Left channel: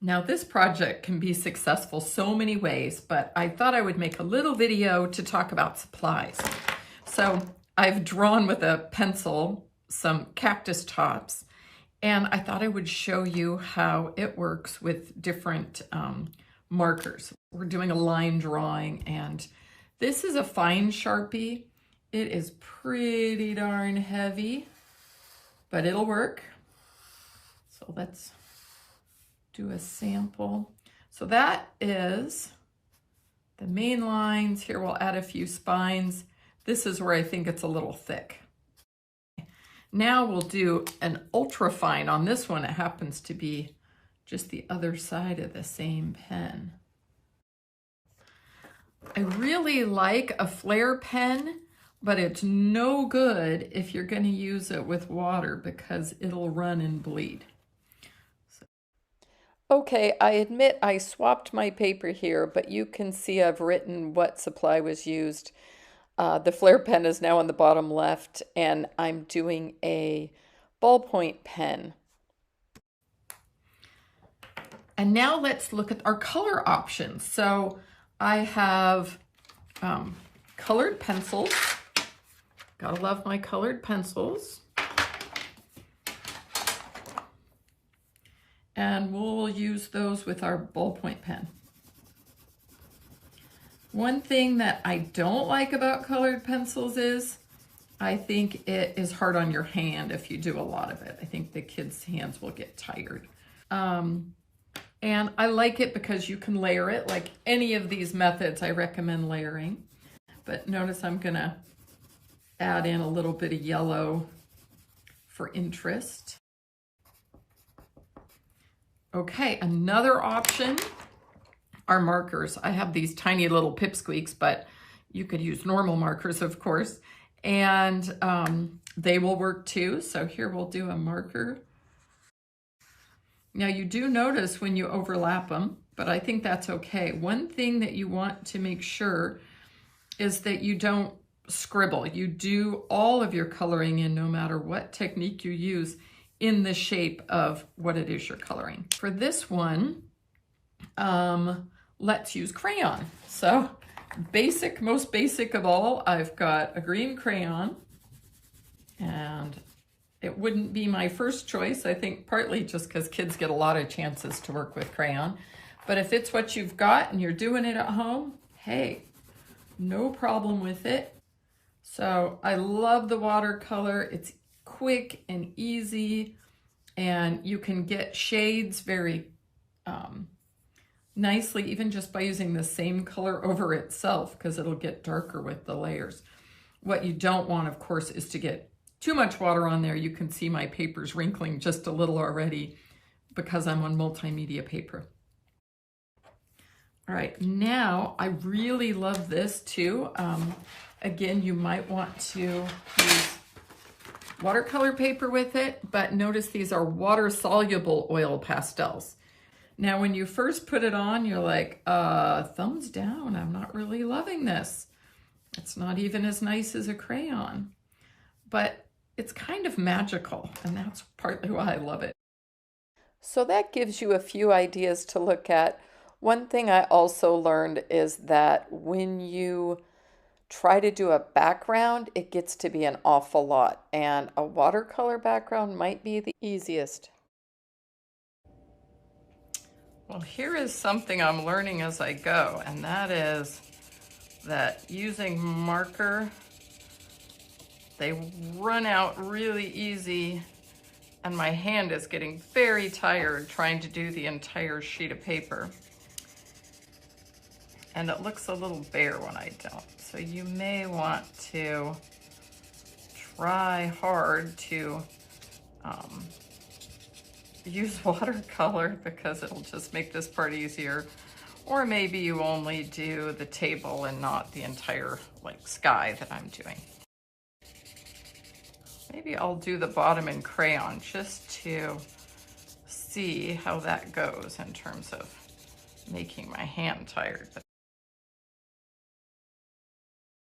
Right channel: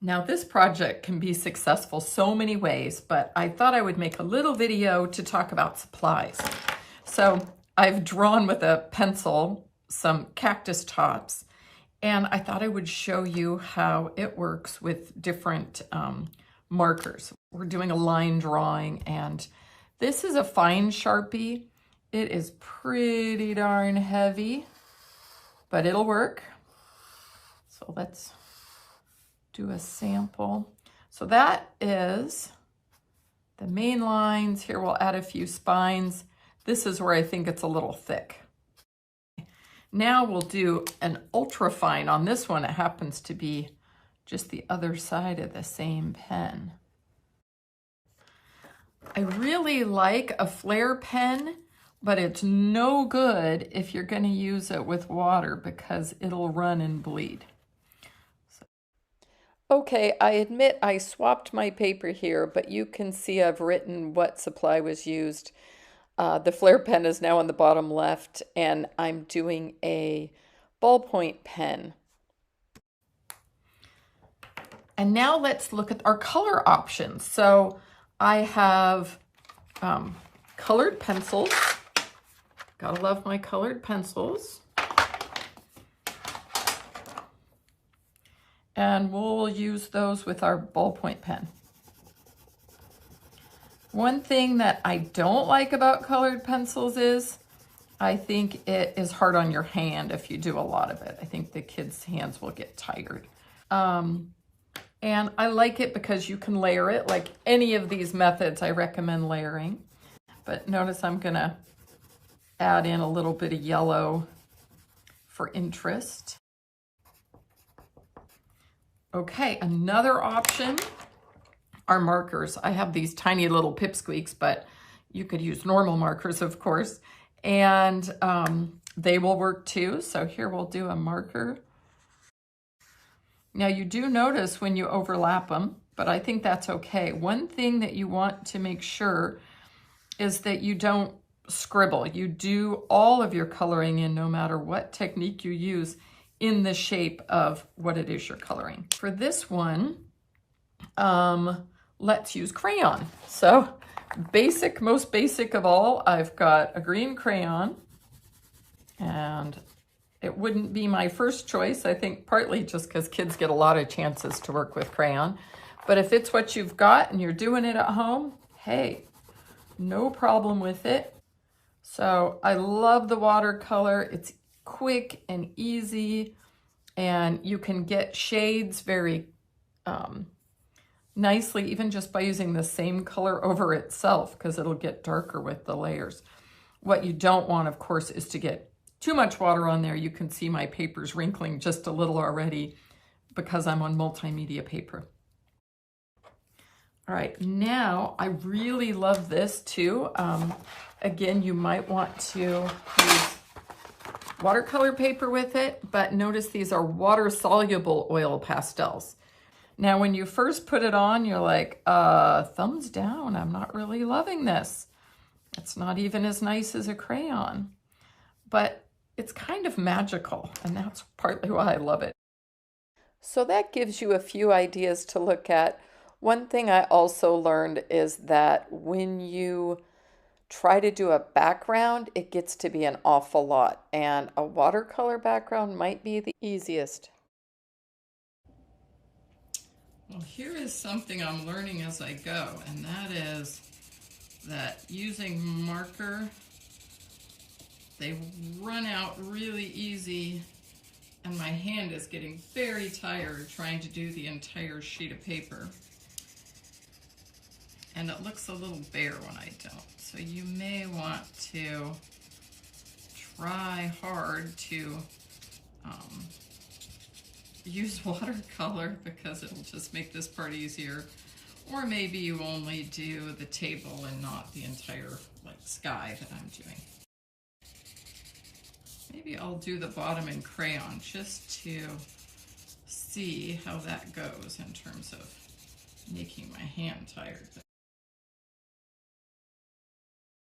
Now this project can be successful so many ways, but I thought I would make a little video to talk about supplies. So I've drawn with a pencil some cactus tops, and I thought I would show you how it works with different markers. We're doing a line drawing, and this is a fine Sharpie. It is pretty darn heavy, but it'll work. So let's do a sample. So that is the main lines. Here we'll add a few spines. This is where I think it's a little thick. Now we'll do an ultra fine on this one. It happens to be just the other side of the same pen. I really like a flare pen, but it's no good if you're going to use it with water because it'll run and bleed. Okay, I admit I swapped my paper here, but you can see I've written what supply was used. The flare pen is now on the bottom left, and I'm doing a ballpoint pen. And now let's look at our color options. So I have colored pencils. Gotta love my colored pencils. And we'll use those with our ballpoint pen. One thing that I don't like about colored pencils is I think it is hard on your hand if you do a lot of it. I think the kids' hands will get tired. And I like it because you can layer it. Like any of these methods, I recommend layering. But notice I'm gonna add in a little bit of yellow for interest. Okay, another option are markers. I have these tiny little pipsqueaks, but you could use normal markers, of course, and they will work too. So here we'll do a marker. Now you do notice when you overlap them, but I think that's okay. One thing that you want to make sure is that you don't scribble. You do all of your coloring in, no matter what technique you use, in the shape of what it is you're coloring. For this one, let's use crayon. So basic, most basic of all, I've got a green crayon, and it wouldn't be my first choice, I think partly just because kids get a lot of chances to work with crayon. But if it's what you've got and you're doing it at home, hey, no problem with it. So I love the watercolor. It's quick and easy, and you can get shades very nicely even just by using the same color over itself, because it'll get darker with the layers. What you don't want, of course, is to get too much water on there. You can see my paper's wrinkling just a little already because I'm on multimedia paper. All right, now I really love this too. Again, you might want to use watercolor paper with it, but notice these are water-soluble oil pastels. Now, when you first put it on, you're like, thumbs down, I'm not really loving this. It's not even as nice as a crayon, but it's kind of magical, and that's partly why I love it. So that gives you a few ideas to look at. One thing I also learned is that when you try to do a background, it gets to be an awful lot, and a watercolor background might be the easiest. Well, here is something I'm learning as I go, and that is that using marker, they run out really easy, and my hand is getting very tired trying to do the entire sheet of paper. And it looks a little bare when I don't. So you may want to try hard to use watercolor because it'll just make this part easier. Or maybe you only do the table and not the entire like sky that I'm doing. Maybe I'll do the bottom in crayon just to see how that goes in terms of making my hand tired.